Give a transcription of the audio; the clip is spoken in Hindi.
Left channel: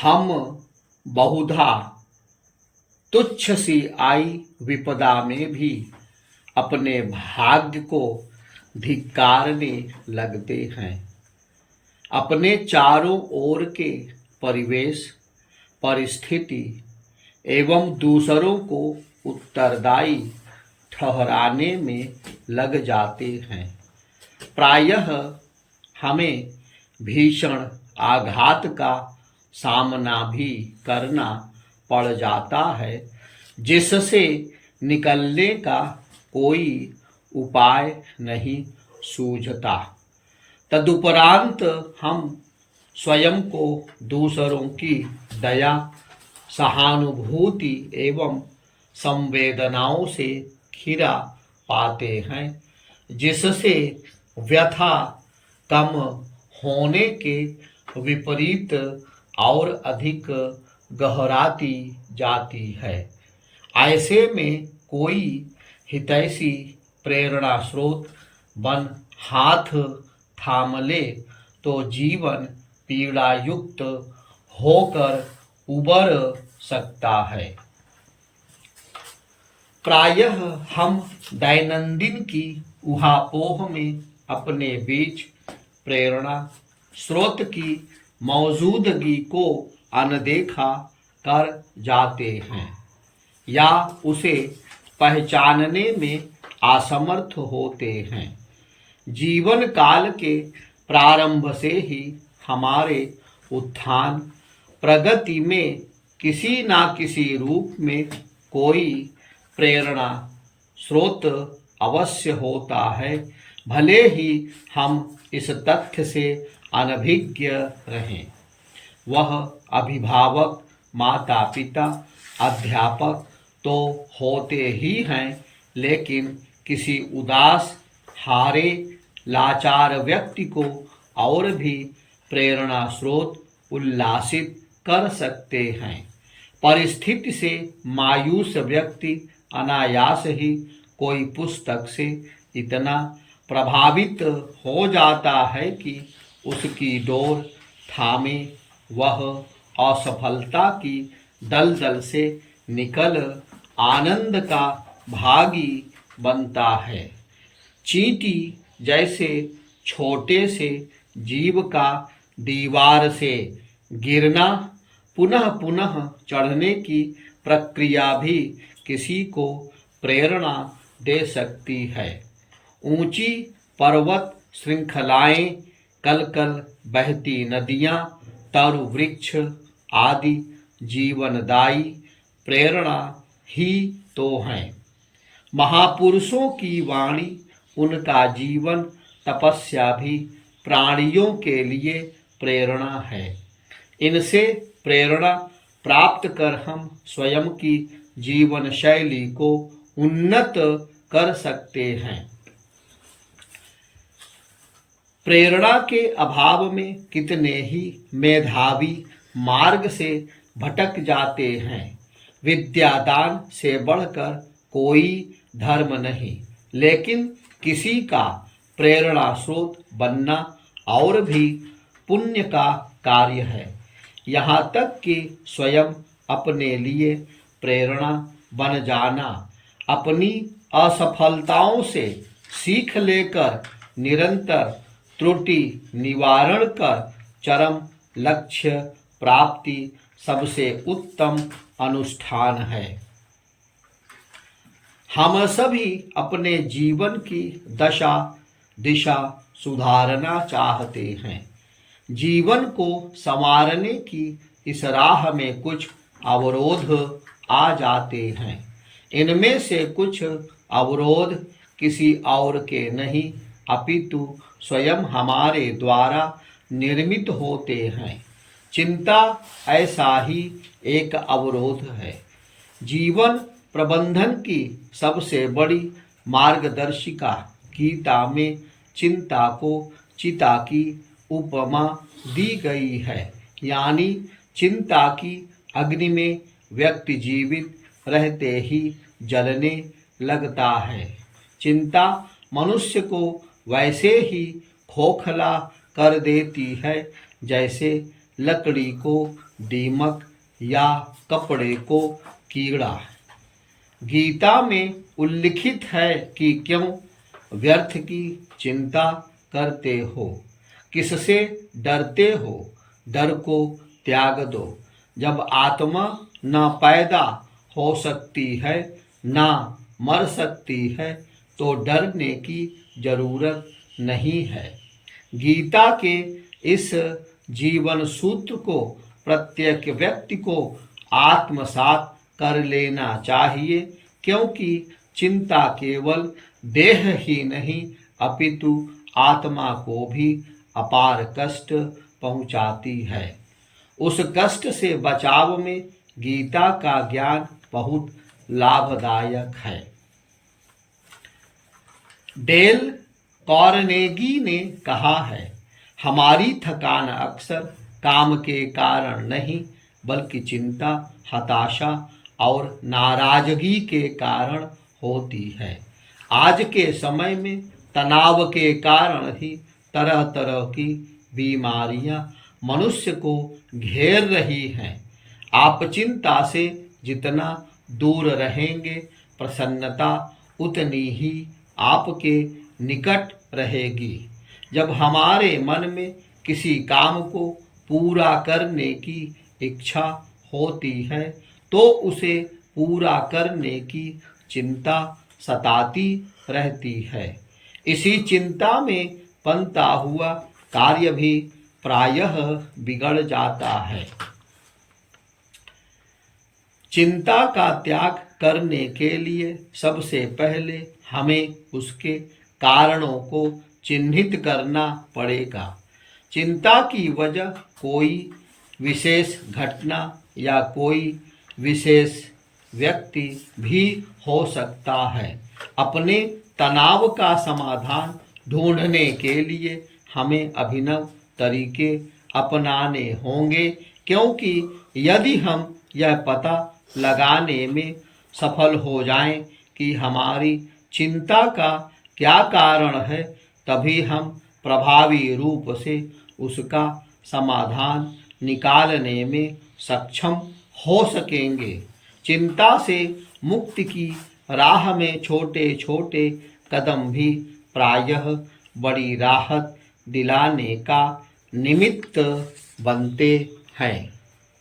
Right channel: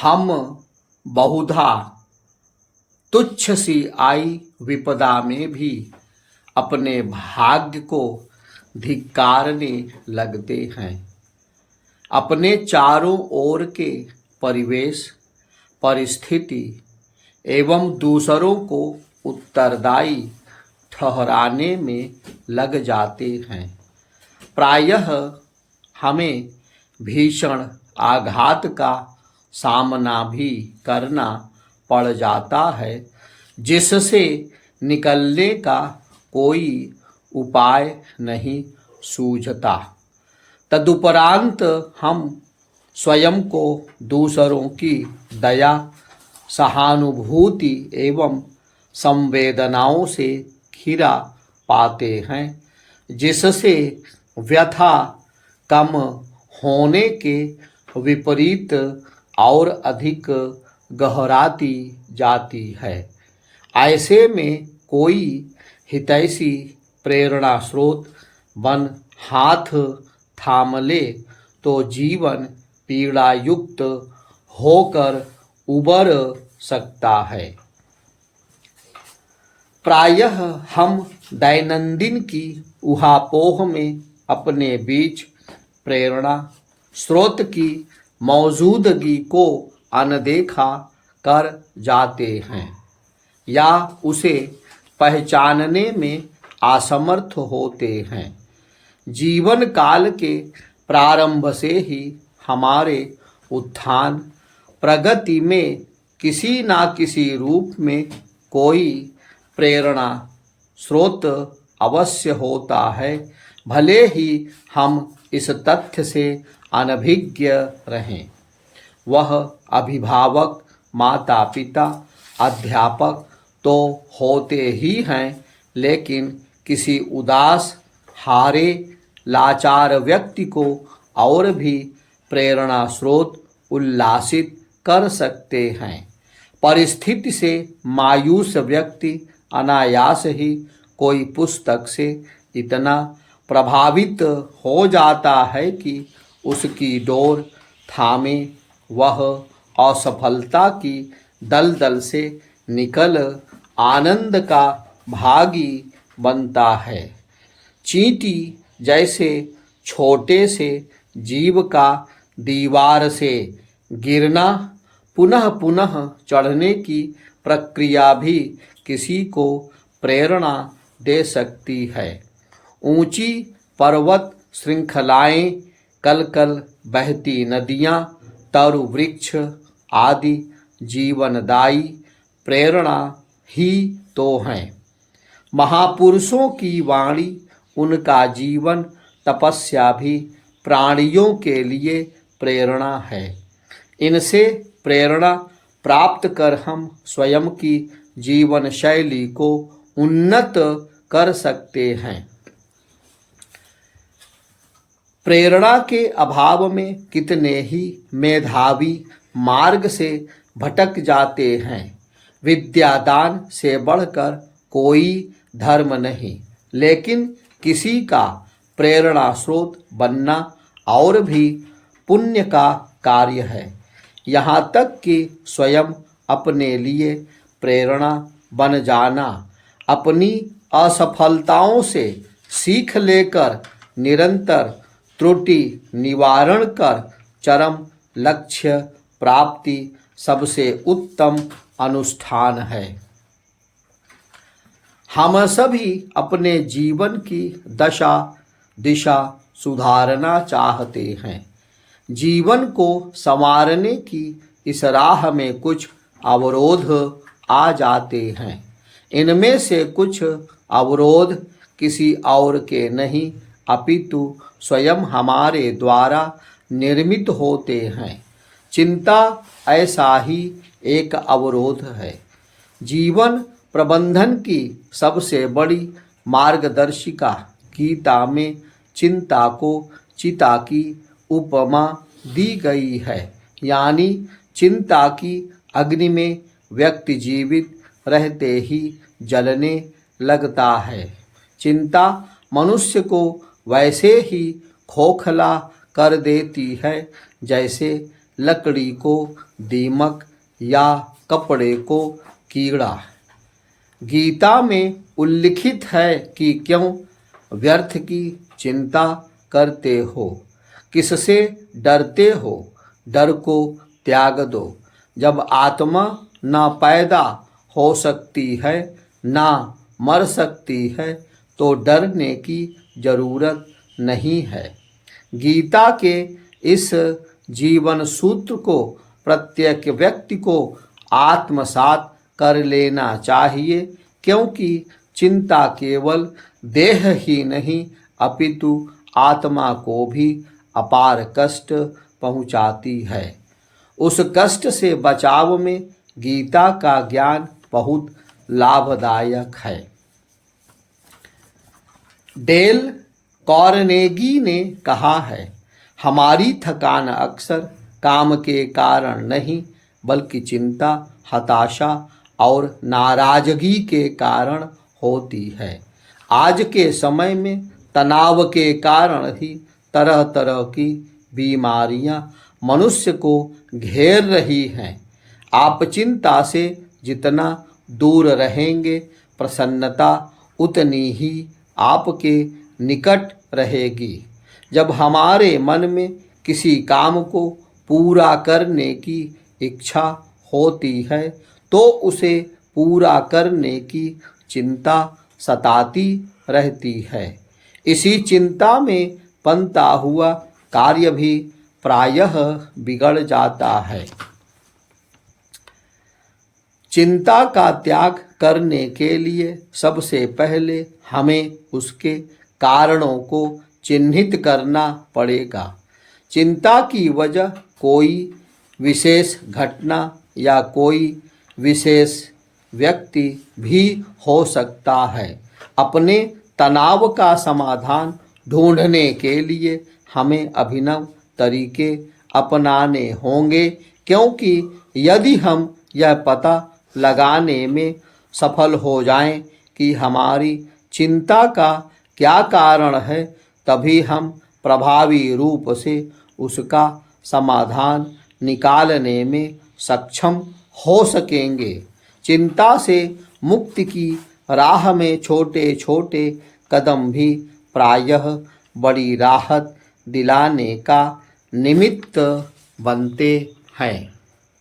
हम बहुधा तुच्छ सी आई विपदा में भी अपने भाग्य को धिक्कारने लगते हैं। अपने चारों ओर के परिवेश, परिस्थिति एवं दूसरों को उत्तरदायी ठहराने में लग जाते हैं। प्रायः हमें भीषण आघात का सामना भी करना पड़ जाता है, जिससे निकलने का कोई उपाय नहीं सूझता। तदुपरांत हम स्वयं को दूसरों की दया, सहानुभूति एवं संवेदनाओं से घिरा पाते हैं, जिससे व्यथा कम होने के विपरीत और अधिक गहराती जाती है। ऐसे में कोई हितैषी प्रेरणा स्रोत बन हाथ थाम ले तो जीवन पीड़ा युक्त होकर उबर सकता है। प्रायः हम दैनंदिन की उहापोह में अपने बीच प्रेरणा स्रोत की मौजूदगी को अनदेखा कर जाते हैं या उसे पहचानने में असमर्थ होते हैं। जीवन काल के प्रारंभ से ही हमारे उत्थान प्रगति में किसी न किसी रूप में कोई प्रेरणा स्रोत अवश्य होता है, भले ही हम इस तथ्य से अनभिज्ञ रहें। वह अभिभावक, माता पिता, अध्यापक तो होते ही हैं, लेकिन किसी उदास, हारे, लाचार व्यक्ति को और भी प्रेरणा स्रोत उल्लासित कर सकते हैं। परिस्थिति से मायूस व्यक्ति अनायास ही कोई पुस्तक से इतना प्रभावित हो जाता है कि उसकी डोर थामे वह असफलता की दलदल से निकल आनंद का भागी बनता है। चींटी जैसे छोटे से जीव का दीवार से गिरना, पुनः पुनः चढ़ने की प्रक्रिया भी किसी को प्रेरणा दे सकती है। ऊंची पर्वत श्रृंखलाएं, कल कल बहती नदियां, तरु वृक्ष आदि जीवनदायी प्रेरणा ही तो हैं। महापुरुषों की वाणी, उनका जीवन, तपस्या भी प्राणियों के लिए प्रेरणा है। इनसे प्रेरणा प्राप्त कर हम स्वयं की जीवन शैली को उन्नत कर सकते हैं। प्रेरणा के अभाव में कितने ही मेधावी मार्ग से भटक जाते हैं। विद्यादान से बढ़कर कोई धर्म नहीं, लेकिन किसी का प्रेरणा स्रोत बनना और भी पुण्य का कार्य है। यहाँ तक कि स्वयं अपने लिए प्रेरणा बन जाना, अपनी असफलताओं से सीख लेकर निरंतर त्रुटि निवारण कर चरम लक्ष्य प्राप्ति सबसे उत्तम अनुष्ठान है। हम सभी अपने जीवन की दशा दिशा सुधारना चाहते हैं। जीवन को संवारने की इस राह में कुछ अवरोध आ जाते हैं। इनमें से कुछ अवरोध किसी और के नहीं, अपितु स्वयं हमारे द्वारा निर्मित होते हैं। चिंता ऐसा ही एक अवरोध है। जीवन प्रबंधन की सबसे बड़ी मार्गदर्शिका गीता में चिंता को चिता की उपमा दी गई है। यानी चिंता की अग्नि में व्यक्ति जीवित रहते ही जलने लगता है। चिंता मनुष्य को वैसे ही खोखला कर देती है जैसे लकड़ी को दीमक या कपड़े को कीड़ा है। गीता में उल्लिखित है कि क्यों व्यर्थ की चिंता करते हो, किससे डरते हो, डर को त्याग दो। जब आत्मा न पैदा हो सकती है ना मर सकती है तो डरने की जरूरत नहीं है। गीता के इस जीवन सूत्र को प्रत्येक व्यक्ति को आत्मसात कर लेना चाहिए, क्योंकि चिंता केवल देह ही नहीं अपितु आत्मा को भी अपार कष्ट पहुंचाती है। उस कष्ट से बचाव में गीता का ज्ञान बहुत लाभदायक है। डेल कार्नेगी ने कहा है, हमारी थकान अक्सर काम के कारण नहीं बल्कि चिंता, हताशा और नाराजगी के कारण होती है। आज के समय में तनाव के कारण ही तरह तरह की बीमारियां मनुष्य को घेर रही हैं। आप चिंता से जितना दूर रहेंगे, प्रसन्नता उतनी ही आपके निकट रहेगी। जब हमारे मन में किसी काम को पूरा करने की इच्छा होती है तो उसे पूरा करने की चिंता सताती रहती है। इसी चिंता में बनता हुआ कार्य भी प्रायः बिगड़ जाता है। चिंता का त्याग करने के लिए सबसे पहले हमें उसके कारणों को चिन्हित करना पड़ेगा। चिंता की वजह कोई विशेष घटना या कोई विशेष व्यक्ति भी हो सकता है। अपने तनाव का समाधान ढूंढने के लिए हमें अभिनव तरीके अपनाने होंगे, क्योंकि यदि हम यह पता लगाने में सफल हो जाएं कि हमारी चिंता का क्या कारण है, तभी हम प्रभावी रूप से उसका समाधान निकालने में सक्षम हो सकेंगे। चिंता से मुक्ति की राह में छोटे छोटे कदम भी प्रायः बड़ी राहत दिलाने का निमित्त बनते हैं।